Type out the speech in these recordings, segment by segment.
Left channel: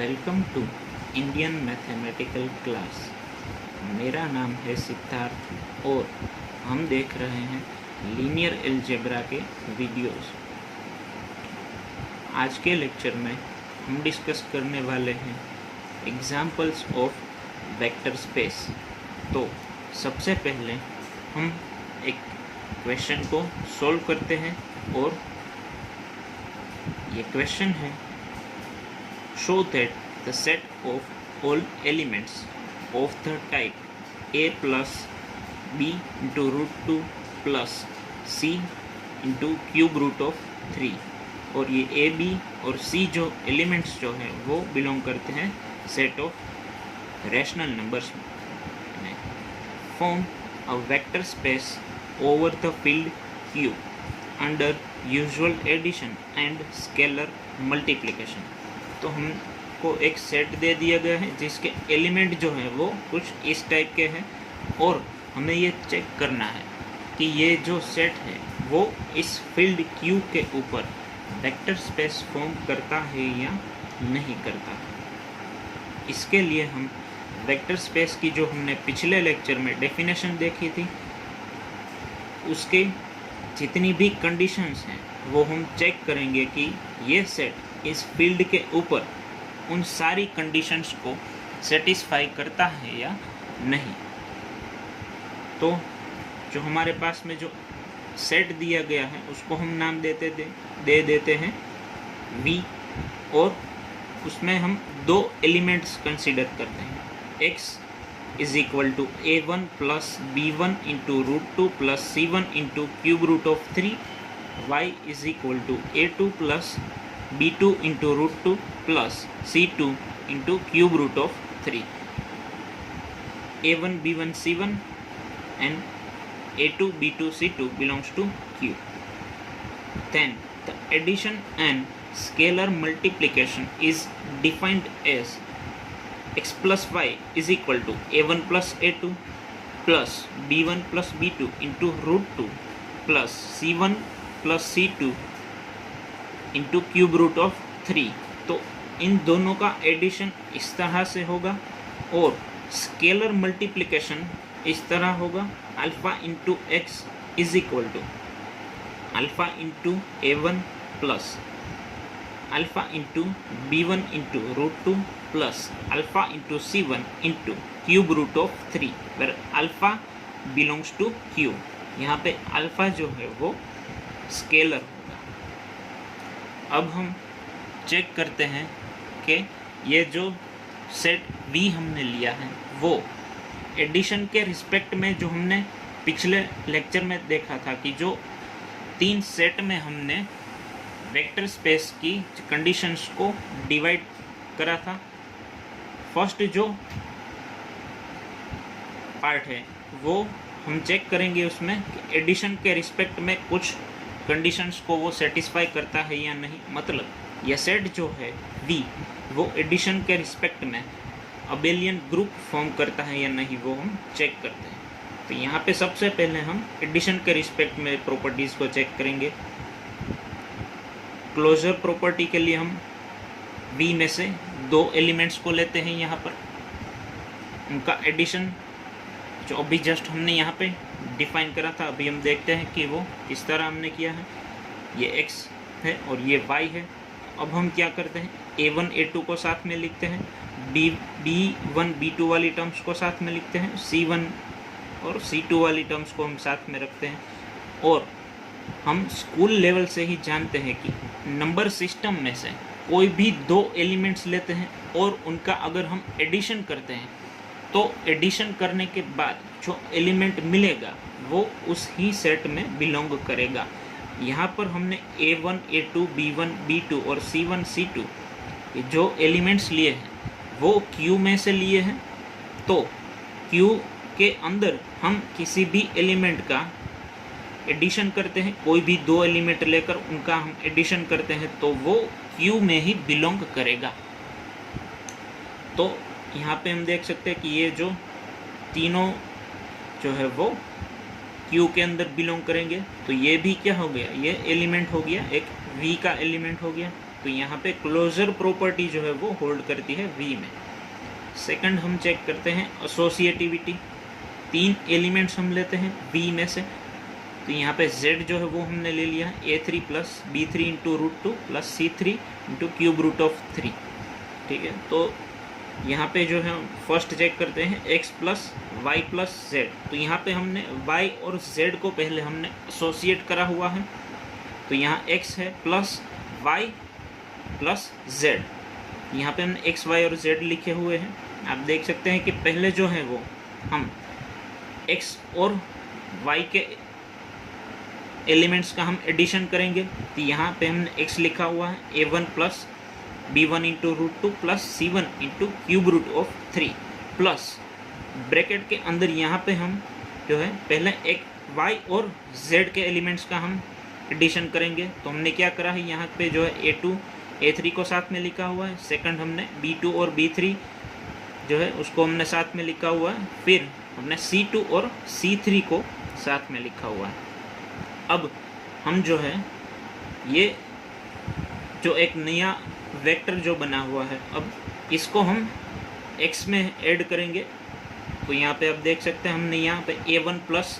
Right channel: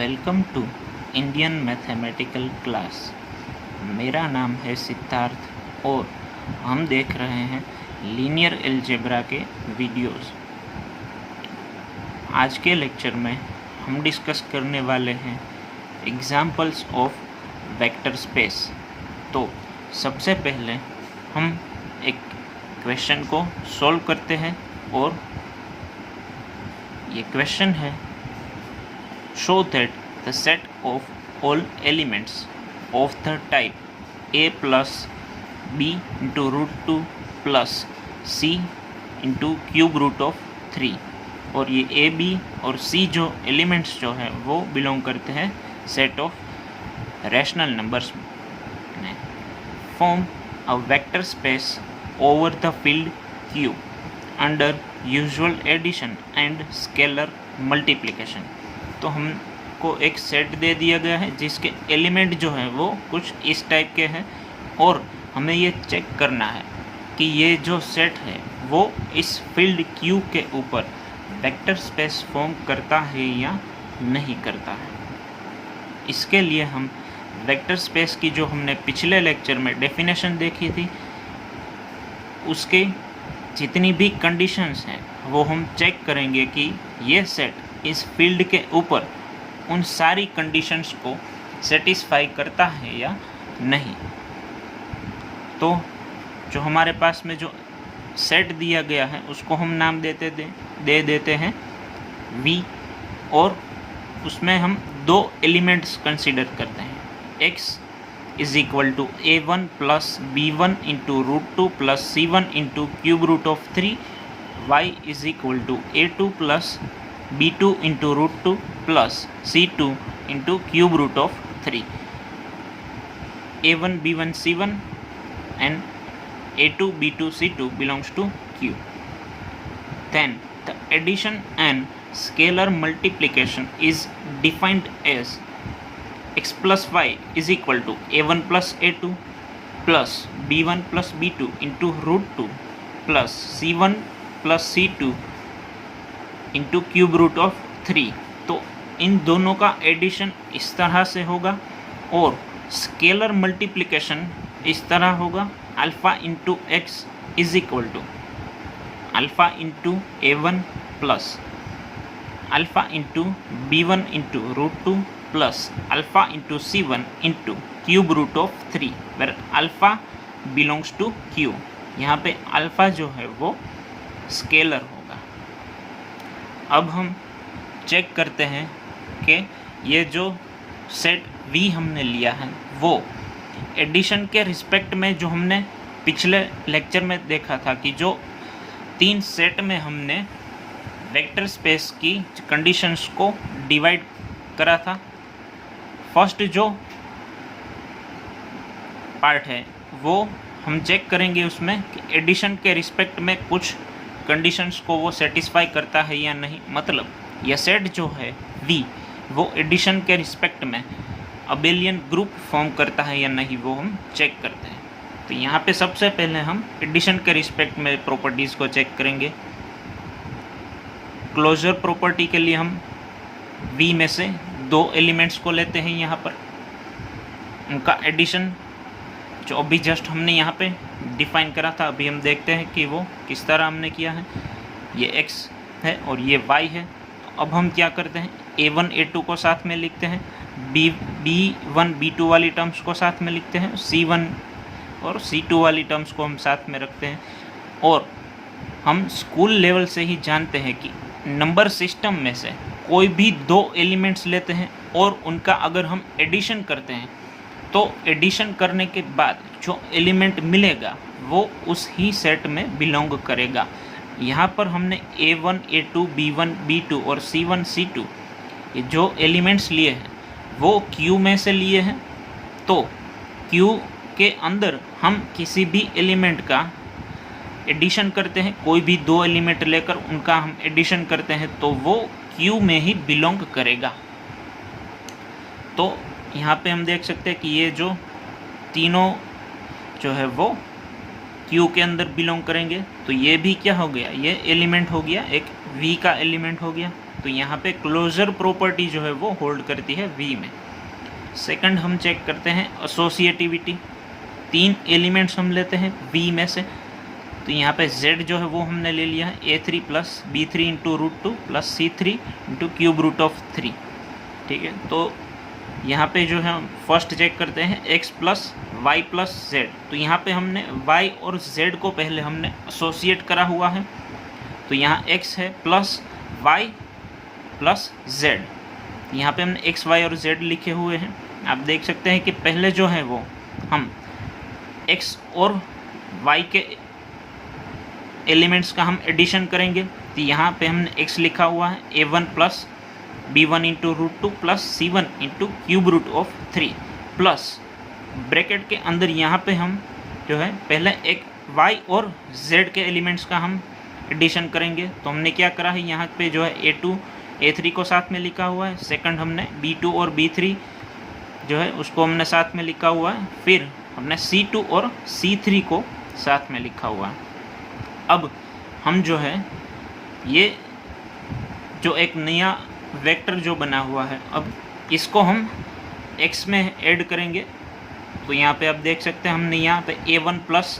Welcome to Indian mathematical class. मेरा नाम है सिद्धार्थ और हम देख रहे हैं लीनियर अलजेब्रा के वीडियोस। आज के लेक्चर में हम डिस्कस करने वाले हैं एग्जाम्पल्स ऑफ वेक्टर स्पेस। तो सबसे पहले हम एक क्वेश्चन को सॉल्व करते हैं और ये क्वेश्चन है show that the set of all elements of the type a plus b into root 2 plus c into cube root of 3 और ये a b और c जो एलिमेंट्स जो है वो बिलोंग करते हैं सेट ऑफ रैशनल नंबर्स में। Form a vector space over the field q under usual addition and scalar multiplication. तो हमको एक सेट दे दिया गया है जिसके एलिमेंट जो है वो कुछ इस टाइप के हैं और हमें ये चेक करना है कि ये जो सेट है वो इस फील्ड Q के ऊपर वेक्टर स्पेस फॉर्म करता है या नहीं करता है। इसके लिए हम वेक्टर स्पेस की जो हमने पिछले लेक्चर में डेफिनेशन देखी थी उसके जितनी भी कंडीशंस हैं वो हम चेक करेंगे कि ये सेट इस फील्ड के ऊपर उन सारी कंडीशंस को सेटिस्फाई करता है या नहीं। तो जो हमारे पास में जो सेट दिया गया है उसको हम नाम दे देते हैं V और उसमें हम दो एलिमेंट्स कंसीडर करते हैं। X is equal to a1 plus b1 into root 2 plus c1 into cube root of 3। y is equal to a2 plus b2 into root 2 plus c2 into cube root of 3। a1 b1 c1 and a2 b2 c2 belongs to q. Then the addition and scalar multiplication is defined as x plus y is equal to a1 plus a2 plus b1 plus b2 into root 2 plus c1 plus c2 into cube root of 3। तो इन दोनों का addition इस तरह से होगा और scalar multiplication इस तरह होगा। Alpha into x is equal to alpha into a1 plus alpha into b1 into root 2 plus alpha into c1 into cube root of 3 where alpha belongs to q। यहाँ पे अल्फ़ा जो है वो scalar होगा। अब हम चेक करते हैं कि ये जो सेट V हमने लिया है वो एडिशन के रिस्पेक्ट में जो हमने पिछले लेक्चर में देखा था कि जो तीन सेट में हमने वेक्टर स्पेस की कंडीशंस को डिवाइड करा था। फर्स्ट जो पार्ट है वो हम चेक करेंगे उसमें कि एडिशन के रिस्पेक्ट में कुछ कंडीशंस को वो सेटिस्फाई करता है या नहीं। मतलब यह सेट जो है V वो एडिशन के रिस्पेक्ट में अबेलियन ग्रुप फॉर्म करता है या नहीं वो हम चेक करते हैं। तो यहाँ पे सबसे पहले हम एडिशन के रिस्पेक्ट में प्रॉपर्टीज़ को चेक करेंगे। क्लोजर प्रॉपर्टी के लिए हम V में से दो एलिमेंट्स को लेते हैं, यहाँ पर उनका एडिशन जो अभी जस्ट हमने यहाँ पे डिफाइन करा था अभी हम देखते हैं कि वो किस तरह हमने किया है। ये x है और ये y है। अब हम क्या करते हैं a1 a2 को साथ में लिखते हैं, b1 b2 वाली टर्म्स को साथ में लिखते हैं, c1 और c2 वाली टर्म्स को हम साथ में रखते हैं। और हम स्कूल लेवल से ही जानते हैं कि नंबर सिस्टम में से कोई भी दो एलिमेंट्स लेते हैं और उनका अगर हम एडिशन करते हैं तो एडिशन करने के बाद जो एलिमेंट मिलेगा वो उस ही सेट में बिलोंग करेगा। यहाँ पर हमने a1 a2 b1 b2 और c1 c2 ये जो एलिमेंट्स लिए हैं वो q में से लिए हैं। तो q के अंदर हम किसी भी एलिमेंट का एडिशन करते हैं, कोई भी दो एलिमेंट लेकर उनका हम एडिशन करते हैं तो वो q में ही बिलोंग करेगा। तो यहाँ पे हम देख सकते हैं कि ये जो तीनों जो है वो Q के अंदर बिलोंग करेंगे। तो ये भी क्या हो गया, ये एलिमेंट हो गया, एक V का एलिमेंट हो गया। तो यहाँ पे क्लोजर प्रॉपर्टी जो है वो होल्ड करती है V में। सेकंड हम चेक करते हैं एसोसिएटिविटी। 3 एलिमेंट्स हम लेते हैं V में से, तो यहाँ पे Z जो है वो हमने ले लिया है A3 plus B3 into √2 plus C3 into cube root of 3, ठीक है। तो यहाँ पे जो है फर्स्ट चेक करते हैं x plus y plus z. तो यहाँ पे हमने y और z को पहले हमने एसोसिएट करा हुआ है, तो यहाँ x है प्लस y प्लस z। यहाँ पे हमने x, y और z लिखे हुए हैं। आप देख सकते हैं कि पहले जो है वो हम x और y के एलिमेंट्स का हम एडिशन करेंगे, तो यहाँ पे हमने x लिखा हुआ है a1 plus b1 into √2 plus c1 into cube root of 3 plus bracket के अंदर यहाँ पे हम जो है पहले एक y और z के एलिमेंट्स का हम एडिशन करेंगे। तो हमने क्या करा है, यहाँ पे जो है a2 a3 को साथ में लिखा हुआ है, सेकंड हमने b2 और b3 जो है उसको हमने साथ में लिखा हुआ है, फिर हमने c2 और c3 को साथ में लिखा हुआ है। अब हम जो है ये जो एक नया वेक्टर जो बना हुआ है, अब इसको हम x में ऐड करेंगे। तो यहाँ पे आप देख सकते हैं हमने यहाँ पे a1 plus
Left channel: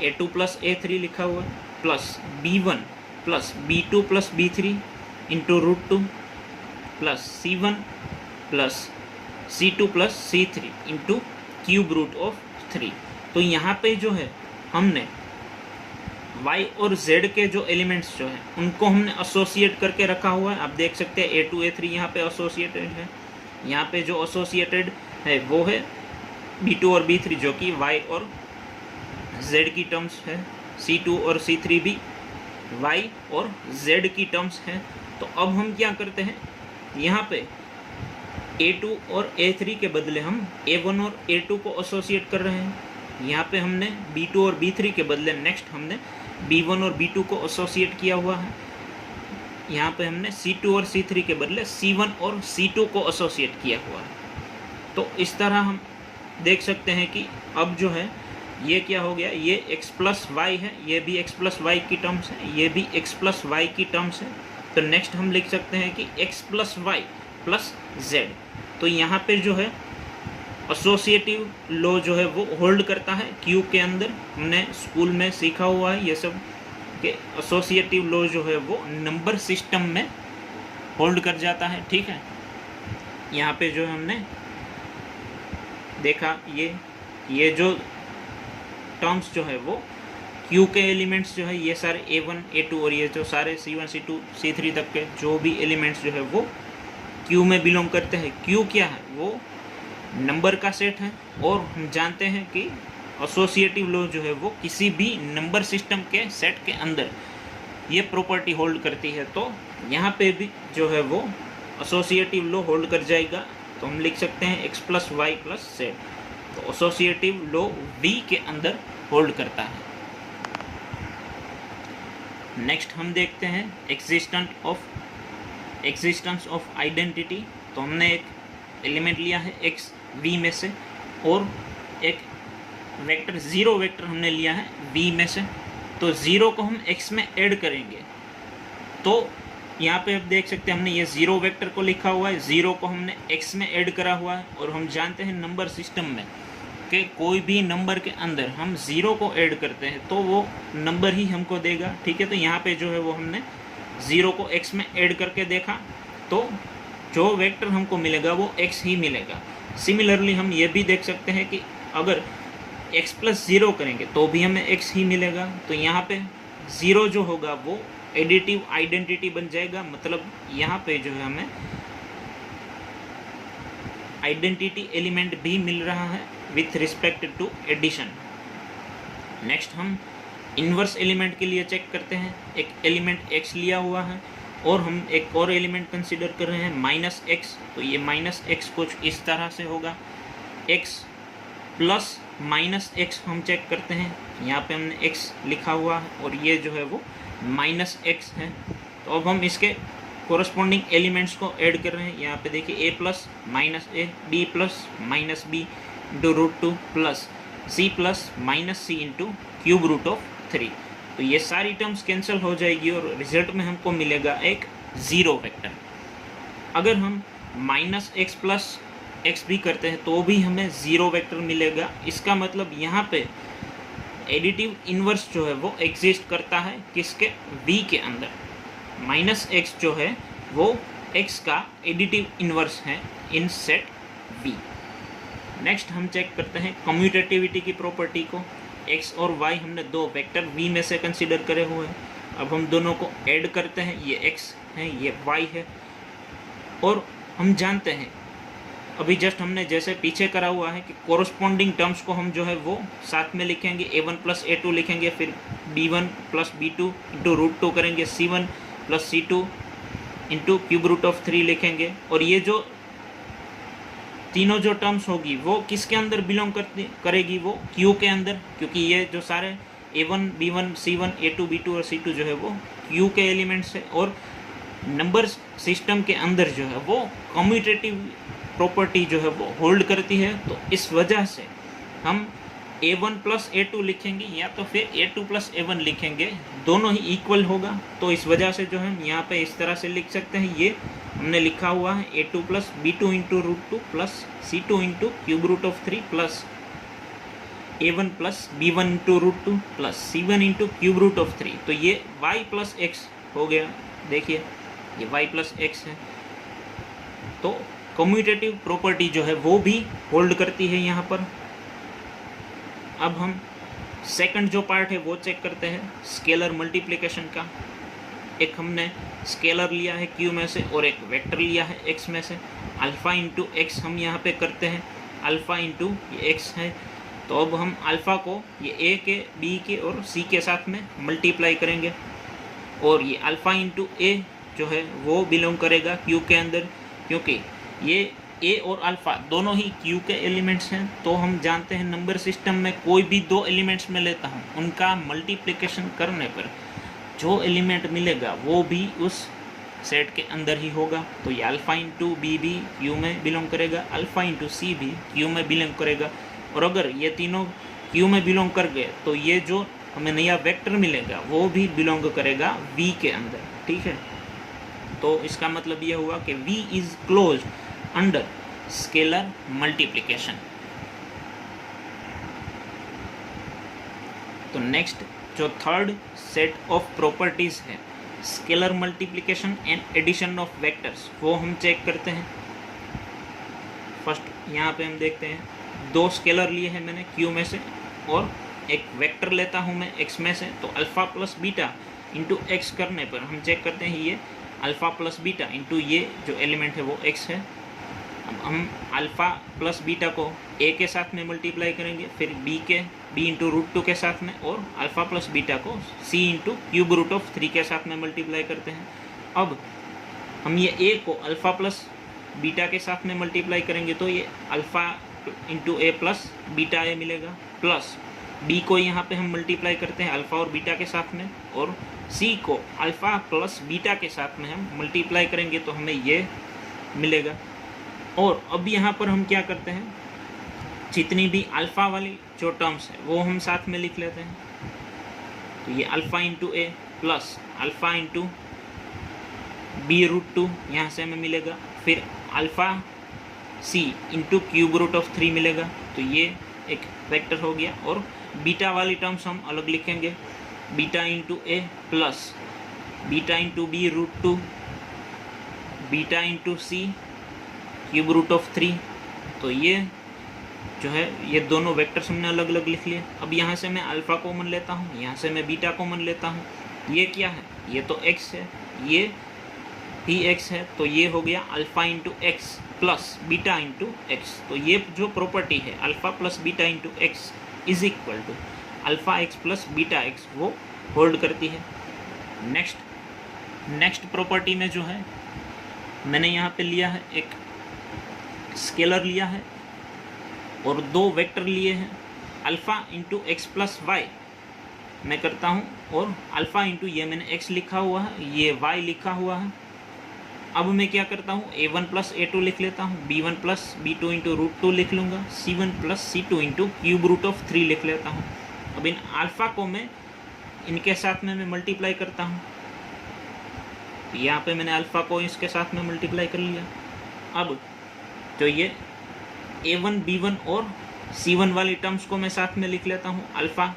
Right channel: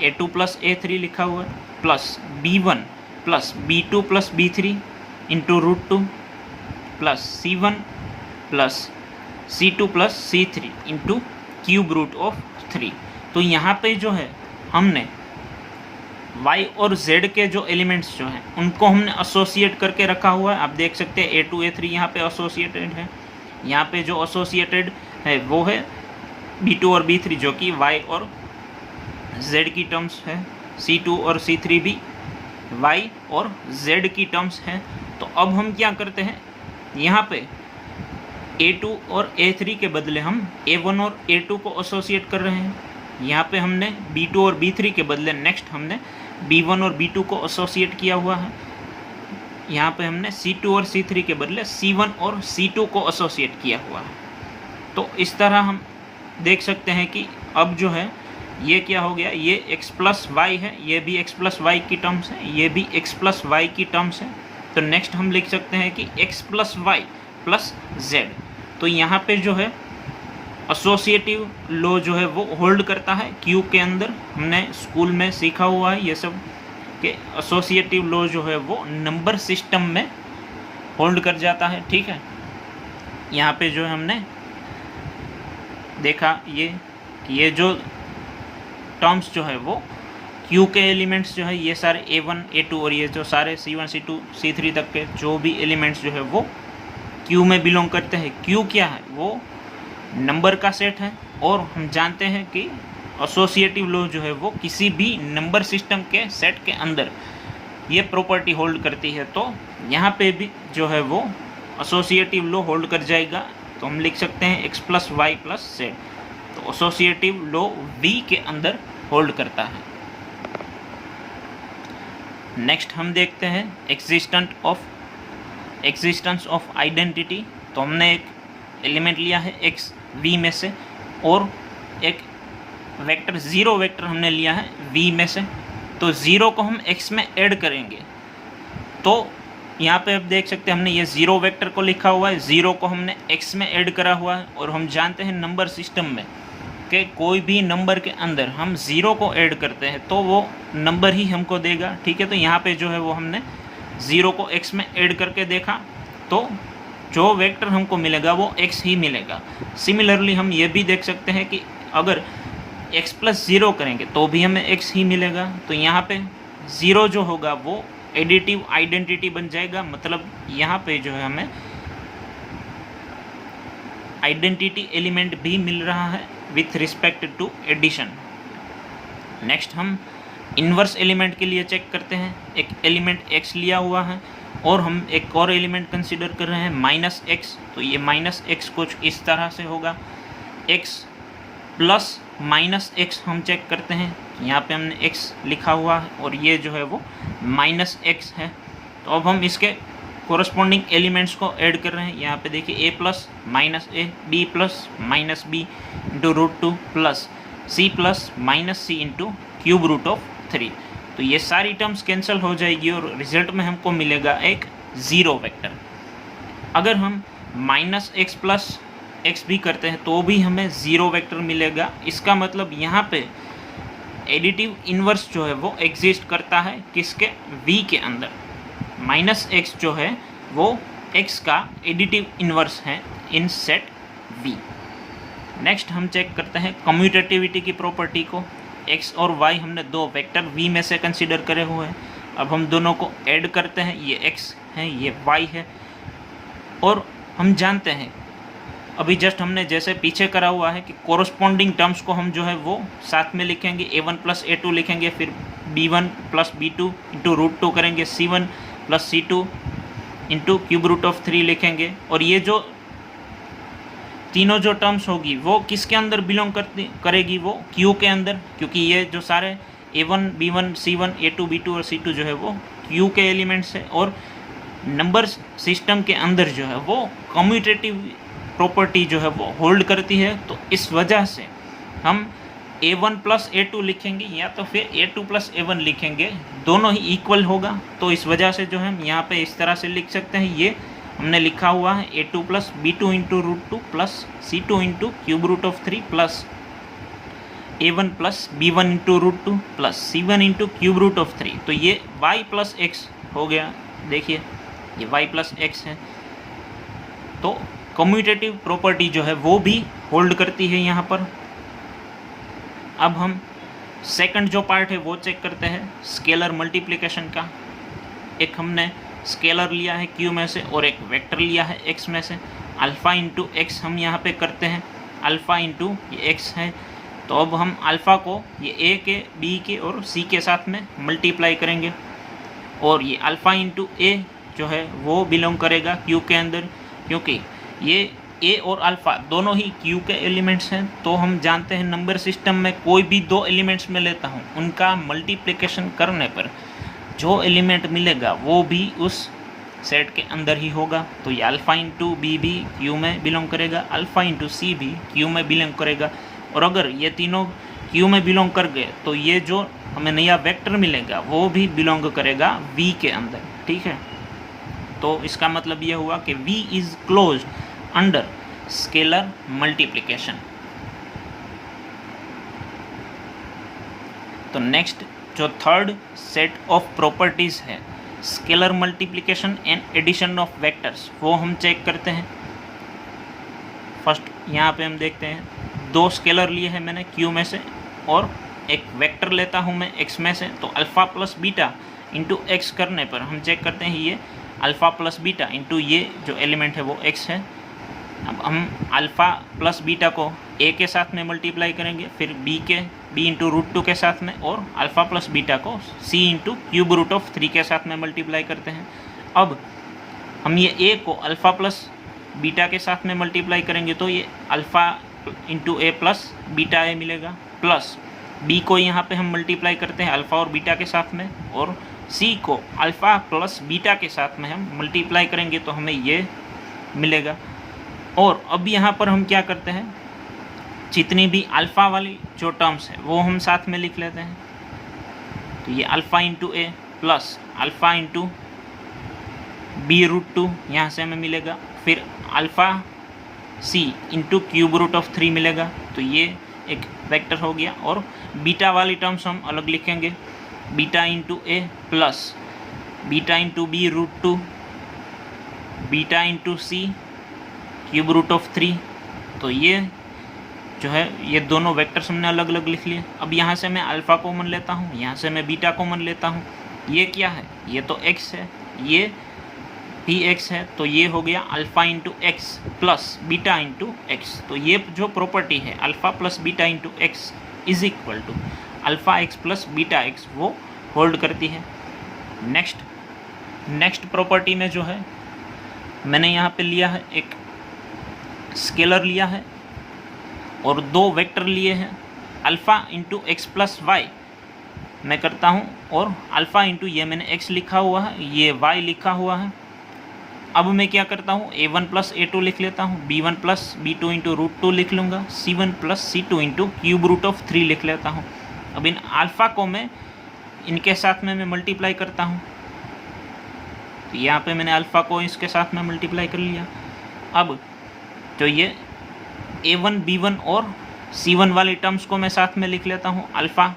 a2 plus a3 लिखा हुआ है plus b1 plus b2 plus b3 into √2 plus c1 plus c2 plus c3 into cube root of 3। तो यहाँ पे जो है हमने y और z के जो एलिमेंट्स जो हैं उनको हमने एसोसिएट करके रखा हुआ है। आप देख सकते हैं a2 a3 यहाँ पे एसोसिएटेड है, यहाँ पे जो एसोसिएटेड है वो है b2 और b3 जो कि y और z की टर्म्स है, c2 और c3 भी y और z की टर्म्स हैं। तो अब हम क्या करते हैं, यहाँ पे a2 और a3 के बदले हम a1 और a2 को एसोसिएट कर रहे हैं। यहाँ पे हमने b2 और b3 के बदले नेक्स्ट हमने b1 और b2 को एसोसिएट किया हुआ है। यहाँ पे हमने c2 और c3 के बदले c1 और c2 को एसोसिएट किया हुआ है। तो इस तरह हम देख सकते हैं कि अब जो है ये क्या हो गया, ये x प्लस वाई है, ये भी x प्लस वाई की टर्म्स है, ये भी x प्लस वाई की टर्म्स है। तो नेक्स्ट हम लिख सकते हैं कि x plus y plus z. तो यहाँ पे जो है एसोसिएटिव लॉ जो है वो होल्ड करता है Q के अंदर। हमने स्कूल में सीखा हुआ है ये सब कि एसोसिएटिव लॉ जो है वो नंबर सिस्टम में होल्ड कर जाता है, ठीक है। यहाँ पे जो हमने देखा ये जो टर्म्स जो है वो Q के एलिमेंट्स जो है ये सारे A1 A2 और ये जो सारे C1 C2 C3 तक के जो भी एलिमेंट्स जो है वो Q में बिलोंग करते हैं। Q क्या है, वो नंबर का सेट है और हम जानते हैं कि एसोसिएटिव लॉ जो है वो किसी भी नंबर सिस्टम के सेट के अंदर ये प्रॉपर्टी होल्ड करती है। तो यहाँ पे भी जो है वो एसोसिएटिव लॉ होल्ड कर जाएगा। तो हम लिख सकते हैं x plus y plus z. तो एसोसिएटिव लॉ V के अंदर होल्ड करता है। नेक्स्ट हम देखते हैं एग्जिस्टेंस ऑफ आइडेंटिटी। तो हमने एक एलिमेंट लिया है x V में से और एक वेक्टर ज़ीरो वेक्टर हमने लिया है V में से। तो ज़ीरो को हम x में ऐड करेंगे। तो यहाँ पे आप देख सकते हैं हमने ये ज़ीरो वेक्टर को लिखा हुआ है, ज़ीरो को हमने x में ऐड करा हुआ है। और हम जानते हैं नंबर सिस्टम में कि कोई भी नंबर के अंदर हम ज़ीरो को ऐड करते हैं तो वो नंबर ही हमको देगा, ठीक है। तो यहाँ पे जो है वो हमने ज़ीरो को x में ऐड करके देखा तो जो वेक्टर हमको मिलेगा वो x ही मिलेगा। सिमिलरली हम ये भी देख सकते हैं कि अगर x प्लस ज़ीरो करेंगे तो भी हमें x ही मिलेगा। तो यहाँ पे ज़ीरो जो होगा वो एडिटिव आइडेंटिटी बन जाएगा, मतलब यहाँ पे जो है हमें आइडेंटिटी एलिमेंट भी मिल रहा है with respect to addition. Next हम इन्वर्स एलिमेंट के लिए चेक करते हैं। एक एलिमेंट x लिया हुआ है और हम एक और एलिमेंट कंसीडर कर रहे हैं माइनस x। तो ये माइनस x कुछ इस तरह से होगा, x प्लस माइनस x हम चेक करते हैं। यहाँ पे हमने x लिखा हुआ है और ये जो है वो माइनस x है। तो अब हम इसके कोरस्पॉन्डिंग एलिमेंट्स को ऐड कर रहे हैं। यहाँ पे देखिए a plus minus a, b plus minus b into √2 plus c plus minus c into cube root of 3। तो ये सारी टर्म्स कैंसिल हो जाएगी और रिजल्ट में हमको मिलेगा एक ज़ीरो वेक्टर। अगर हम माइनस एक्स प्लस एक्स भी करते हैं तो भी हमें ज़ीरो वेक्टर मिलेगा। इसका मतलब यहाँ पे एडिटिव इन्वर्स जो है वो एग्जिस्ट करता है किसके, v के अंदर। माइनस एक्स जो है वो x का एडिटिव इन्वर्स है इन सेट v। नेक्स्ट हम चेक करते हैं कम्यूटेटिविटी की प्रॉपर्टी को। x और y हमने दो वेक्टर v में से कंसीडर करे हुए हैं। अब हम दोनों को ऐड करते हैं, ये x है ये y है, और हम जानते हैं अभी जस्ट हमने जैसे पीछे करा हुआ है कि कोरस्पॉन्डिंग टर्म्स को हम जो है वो साथ में लिखेंगे, a1 प्लस a2 लिखेंगे, फिर b1 plus b2 into root 2 करेंगे, c1 plus c2 into cube root of 3 लिखेंगे। और ये जो तीनों जो टर्म्स होगी वो किसके अंदर बिलोंग करेगी, वो Q के अंदर, क्योंकि ये जो सारे a1 b1 c1 a2 b2 और c2 जो है वो Q के एलिमेंट्स है। और नंबर सिस्टम के अंदर जो है वो कम्यूटेटिव प्रॉपर्टी जो है वो होल्ड करती है। तो इस वजह से हम a1 प्लस a2 लिखेंगे या तो फिर a2 प्लस a1 लिखेंगे, दोनों ही इक्वल होगा। तो इस वजह से जो है हम यहाँ पे इस तरह से लिख सकते हैं, ये हमने लिखा हुआ है a2 plus b2 into root 2 plus c2 into cube root of 3 plus a1 plus b1 into root 2 plus c1 into cube root of 3। तो ये y प्लस x हो गया, देखिए ये y प्लस x है। तो कम्यूटेटिव प्रॉपर्टी जो है वो भी होल्ड करती है यहाँ पर। अब हम सेकंड जो पार्ट है वो चेक करते हैं स्केलर मल्टीप्लिकेशन का। एक हमने स्केलर लिया है q में से और एक वेक्टर लिया है x में से। अल्फ़ा इंटू एक्स हम यहाँ पे करते हैं, अल्फ़ा इंटू ये x है। तो अब हम अल्फ़ा को ये a के b के और c के साथ में मल्टीप्लाई करेंगे, और ये अल्फ़ा इंटू a जो है वो बिलोंग करेगा q के अंदर, क्योंकि ये a और अल्फ़ा दोनों ही q के एलिमेंट्स हैं। तो हम जानते हैं नंबर सिस्टम में कोई भी दो एलिमेंट्स में लेता हूँ, उनका मल्टीप्लिकेशन करने पर जो एलिमेंट मिलेगा वो भी उस सेट के अंदर ही होगा। तो ये अल्फ़ा इंटू बी भी q में बिलोंग करेगा, अल्फ़ा इंटू सी भी q में बिलोंग करेगा। और अगर ये तीनों q में बिलोंग कर गए तो ये जो हमें नया वेक्टर मिलेगा वो भी बिलोंग करेगा v के अंदर, ठीक है। तो इसका मतलब ये हुआ कि v is closed under scalar multiplication. तो नेक्स्ट जो थर्ड सेट ऑफ प्रॉपर्टीज़ है scalar multiplication and addition of vectors, वो हम चेक करते हैं। फर्स्ट यहाँ पे हम देखते हैं दो स्केलर लिए हैं मैंने q में से और एक वेक्टर लेता हूँ मैं x में से। तो alpha plus beta into x करने पर हम चेक करते हैं ये अल्फ़ा प्लस बीटा इंटू ये जो एलिमेंट है वो x है। अब हम अल्फ़ा प्लस बीटा को a के साथ में मल्टीप्लाई करेंगे, फिर b इंटू रूट 2 के साथ में, और अल्फ़ा प्लस बीटा को c into cube root of 3 के साथ में मल्टीप्लाई करते हैं। अब हम ये a को अल्फ़ा प्लस बीटा के साथ में मल्टीप्लाई करेंगे तो ये alpha into a plus beta a मिलेगा, प्लस b को यहाँ पे हम मल्टीप्लाई करते हैं अल्फ़ा और बीटा के साथ में, और c को अल्फ़ा प्लस बीटा के साथ में हम मल्टीप्लाई करेंगे तो हमें ये मिलेगा। और अब यहाँ पर हम क्या करते हैं, जितनी भी अल्फ़ा वाली जो टर्म्स है वो हम साथ में लिख लेते हैं। तो ये alpha into a plus alpha into b root 2 यहाँ से हमें मिलेगा, फिर alpha c into cube root of 3 मिलेगा। तो ये एक वेक्टर हो गया। और बीटा वाली टर्म्स हम अलग लिखेंगे, beta into a plus beta into b root 2 beta into c cube root of 3। तो ये जो है ये दोनों वेक्टर्स हमने अलग अलग लिख लिए। अब यहाँ से मैं अल्फ़ा कॉमन लेता हूँ, यहाँ से मैं बीटा कॉमन लेता हूँ। ये क्या है, ये तो x है, ये भी x है, तो ये हो गया alpha into x plus beta into x. तो ये जो प्रॉपर्टी है alpha plus beta into x is equal to alpha x plus beta x, वो होल्ड करती है। नेक्स्ट प्रॉपर्टी में जो है मैंने यहाँ पे लिया है एक स्केलर लिया है और दो वेक्टर लिए हैं, alpha into x plus y मैं करता हूँ, और अल्फ़ा इंटू ये मैंने x लिखा हुआ है, ये y लिखा हुआ है। अब मैं क्या करता हूँ, a1 प्लस a2 लिख लेता हूँ, b1 plus b2 into root 2 लिख लूँगा, c1 plus c2 into cube root of 3 लिख लेता हूँ। अब इन अल्फ़ा को मैं इनके साथ में मैं मल्टीप्लाई करता हूँ, तो यहाँ पे मैंने अल्फ़ा को इसके साथ में मल्टीप्लाई कर लिया। अब तो ये A1 B1 और C1 वाली टर्म्स को मैं साथ में लिख लेता हूँ, alpha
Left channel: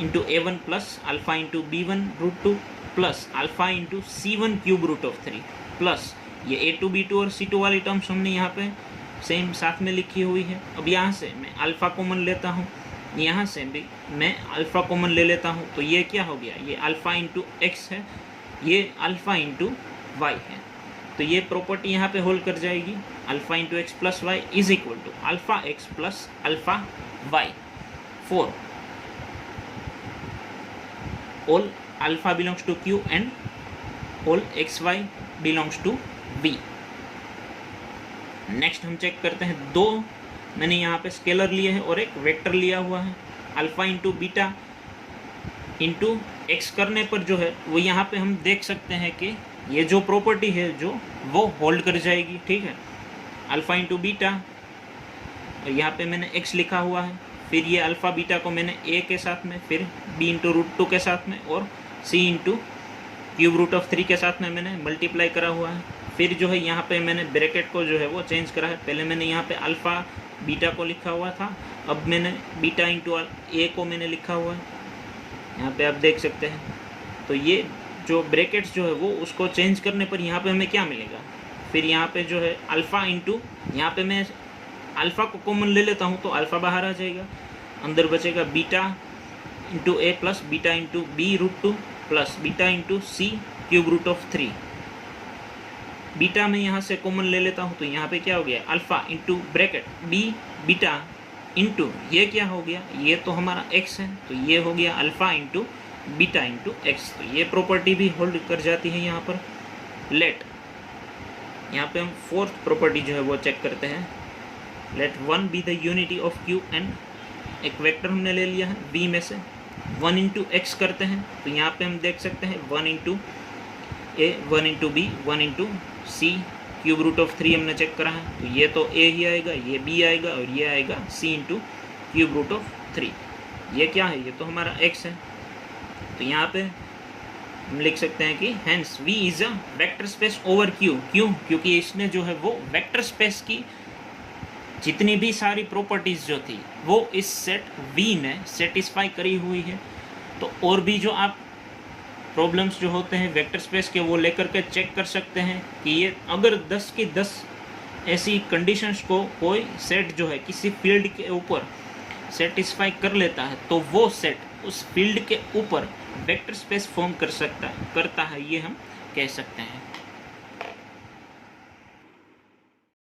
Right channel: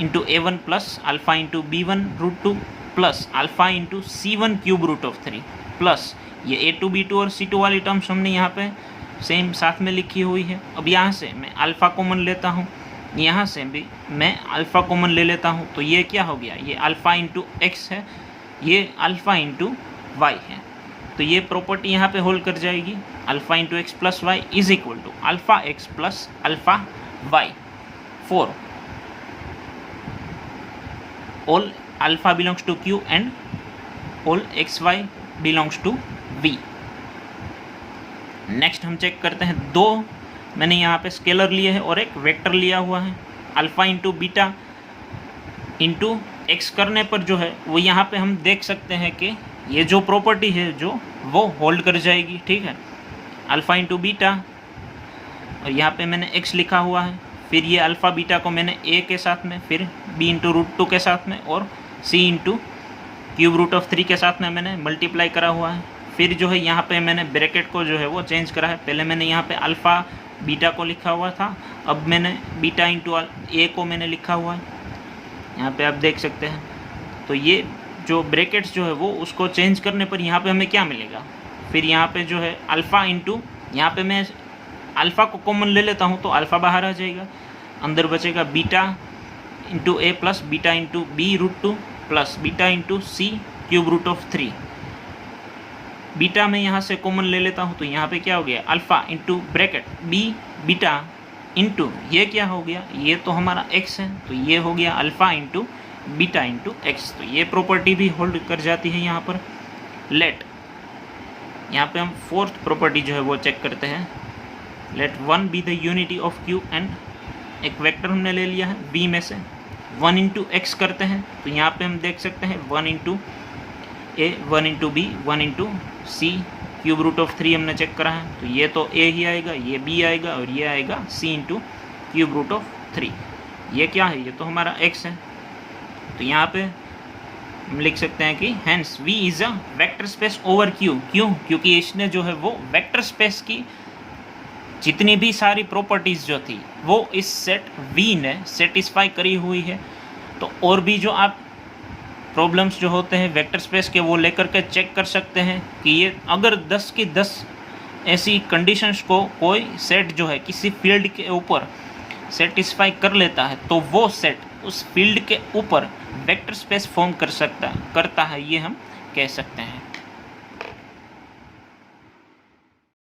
into A1 plus alpha into B1 √2 plus alpha into C1 cube √3 plus ये A2 B2 और C2 वाली टर्म्स हमने यहाँ पे सेम साथ में लिखी हुई है। अब यहाँ से मैं अल्फ़ा कॉमन लेता हूँ, यहाँ से भी मैं अल्फ़ा कॉमन ले लेता हूँ, तो ये क्या हो गया, ये अल्फ़ा इंटू एक्स है, ये अल्फ़ा इंटू वाई है। तो ये प्रॉपर्टी यहाँ पे होल्ड कर जाएगी, alpha into x plus y is equal to alpha x plus alpha y for all alpha belongs to q and all x y belongs to v. Next हम check करते हैं, दो मैंने यहाँ पे स्केलर लिए हैं और एक वेक्टर लिया हुआ है। Alpha into beta into x करने पर जो है वो यहाँ पे हम देख सकते हैं कि ये जो प्रॉपर्टी है जो वो होल्ड कर जाएगी, ठीक है। अल्फ़ा इंटू बीटा, और यहाँ पे मैंने एक्स लिखा हुआ है, फिर ये अल्फ़ा बीटा को मैंने ए के साथ में, फिर बी इंटू √2 के साथ में और सी इंटू क्यूब √3 के साथ में मैंने मल्टीप्लाई करा हुआ है। फिर जो है यहाँ पे मैंने ब्रैकेट को जो है वो चेंज करा है, पहले मैंने यहाँ पे अल्फ़ा बीटा को लिखा हुआ था, अब मैंने बीटा इंटू ए को मैंने लिखा हुआ है, यहाँ पे आप देख सकते हैं। तो ये जो ब्रैकेट्स जो है वो उसको चेंज करने पर यहाँ पे हमें क्या मिलेगा, फिर यहाँ पे जो है अल्फ़ा इंटू, यहाँ पे मैं अल्फ़ा को कॉमन ले लेता हूँ तो अल्फ़ा बाहर आ जाएगा, अंदर बचेगा beta into A plus beta into B √2 plus beta into C cube √3। Beta में यहाँ से कॉमन ले लेता हूँ तो यहाँ पे क्या हो गया, alpha into bracket b beta into ये क्या हो गया, ये तो हमारा एक्स है, तो ये हो गया alpha into beta into x. तो ये प्रॉपर्टी भी होल्ड कर जाती है यहाँ पर। लेट, यहाँ पे हम फोर्थ प्रॉपर्टी जो है वो चेक करते हैं, let 1 be the unity of q and एक वेक्टर हमने ले लिया है v में से, 1 इंटू एक्स करते हैं तो यहाँ पे हम देख सकते हैं 1 इंटू ए 1 into B 1 into C cube √3 हमने चेक करा है, तो ये तो ए ही आएगा, ये बी आएगा और ये आएगा सी इंटू क्यूब √3। ये क्या है, ये तो हमारा एक्स है। तो यहाँ पे हम लिख सकते हैं कि hence v is a vector space over q. क्यों, क्योंकि इसने जो है वो वेक्टर स्पेस की जितनी भी सारी प्रॉपर्टीज़ जो थी वो इस सेट v ने सेटिस्फाई करी हुई है। तो और भी जो आप प्रॉब्लम्स जो होते हैं वेक्टर स्पेस के वो लेकर के चेक कर सकते हैं कि ये अगर 10 की 10 ऐसी कंडीशंस को कोई सेट जो है किसी फील्ड के ऊपर सेटिस्फाई कर लेता है तो वो सेट उस फील्ड के ऊपर वेक्टर स्पेस फॉर्म करता है, ये हम कह सकते हैं।